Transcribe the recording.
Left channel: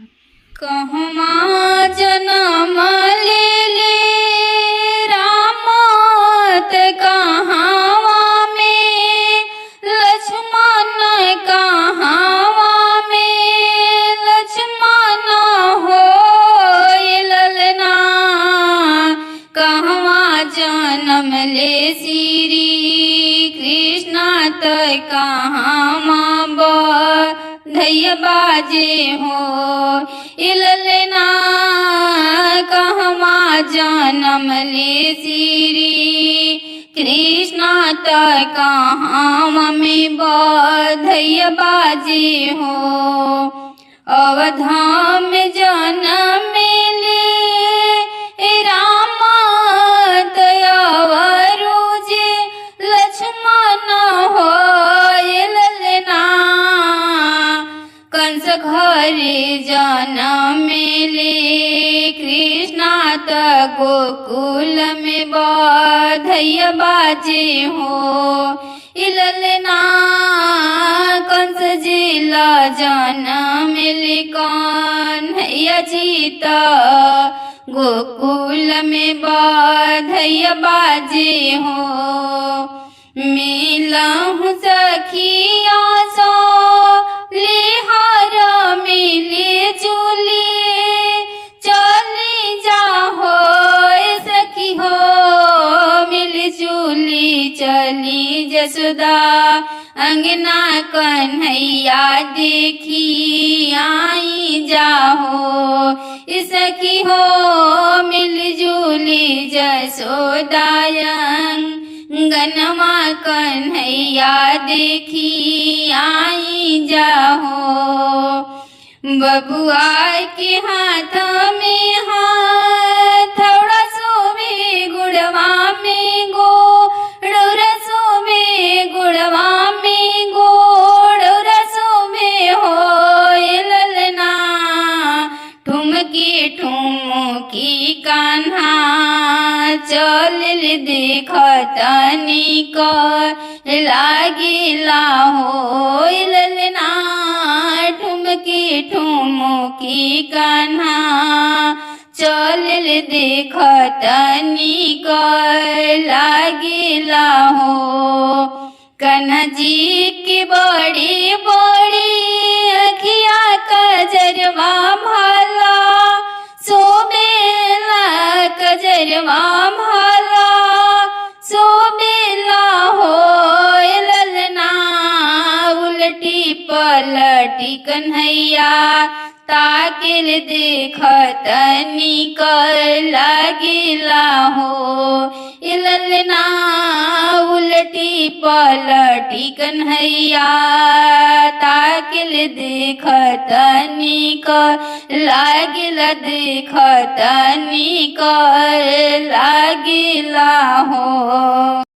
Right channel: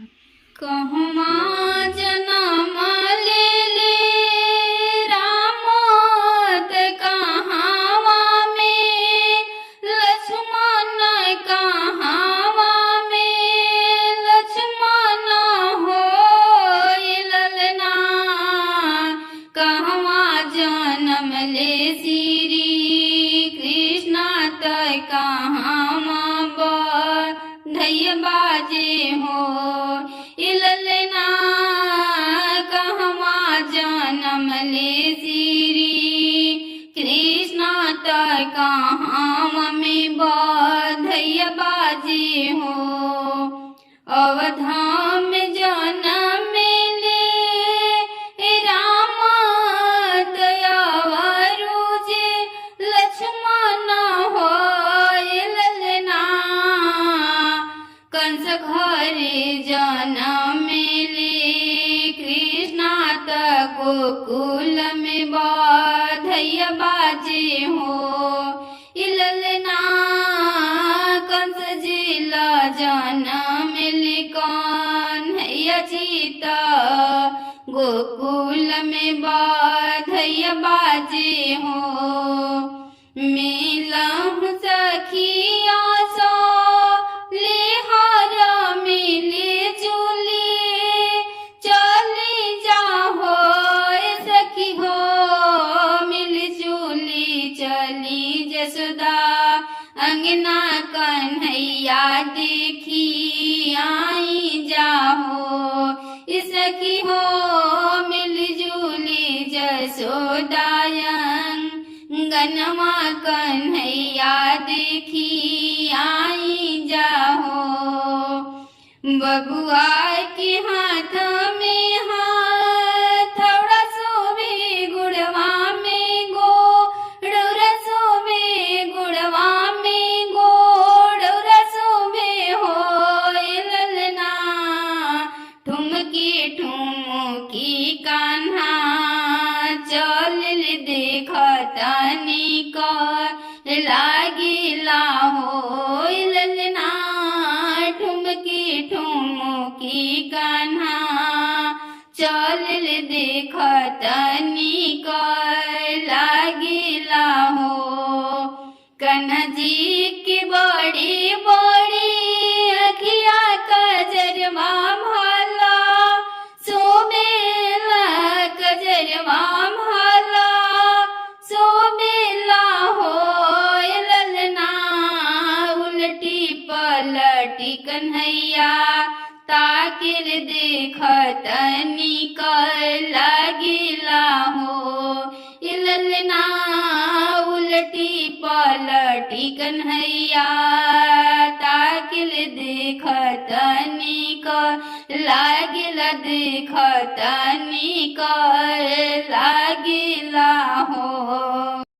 कहमा जनम लेले राम त कहाँ में लक्ष्मण, कहाँ में लक्ष्मण हो ललना। कहवा जनम ले श्री कृष्ण त कहाँ बधैया बाजे हो ललना। कहवा जनम ले श्री कृष्ण त कहाँ में बधैया बाजे हो। अवधा में जनम ले राम त अवरुजे लक्ष्मण हो ललना। कंस घरे जनम ले कृष्ण त गोकुल में बधैया बाजे हो ललना। कंस जिला जनम ले कन्हैया जी त गोकुल में बधैया बाजे हो। मिलहु सखिया सो लिहार मिली जुली चली जाहो सखी हो। मिली जुली चली जसोदा अंगना कन्हैया देखी आई जाहो सखी हो। मिली जुली जसोदा अंगनमा कन्हैया देखी आई जाहो। बबुआ के हाथ में हथौड़ा सोबे गुड़वा में गोड़ौरा सोबे गुड़वा में गोड़ौरा सोबे हो ललना। ठुमकी ठुमकी कान्हा चल देखतनी कर लागिला हो ललना। ठुमकी ठुमकी कान्हा चल देखतनी कर लागिला हो। कान्हा जी की बड़ी बड़ी अखिया कजरवा भला सोबेला कजरवा भला सोबेला हो ललना। उलटी पलटी कन्हैया ताकिल देखतनी कर लागिला हो ललना। उलटी पलटी कन्हैया ताकिल देखतनी कर लागिला देखतनी कर लागिला हो।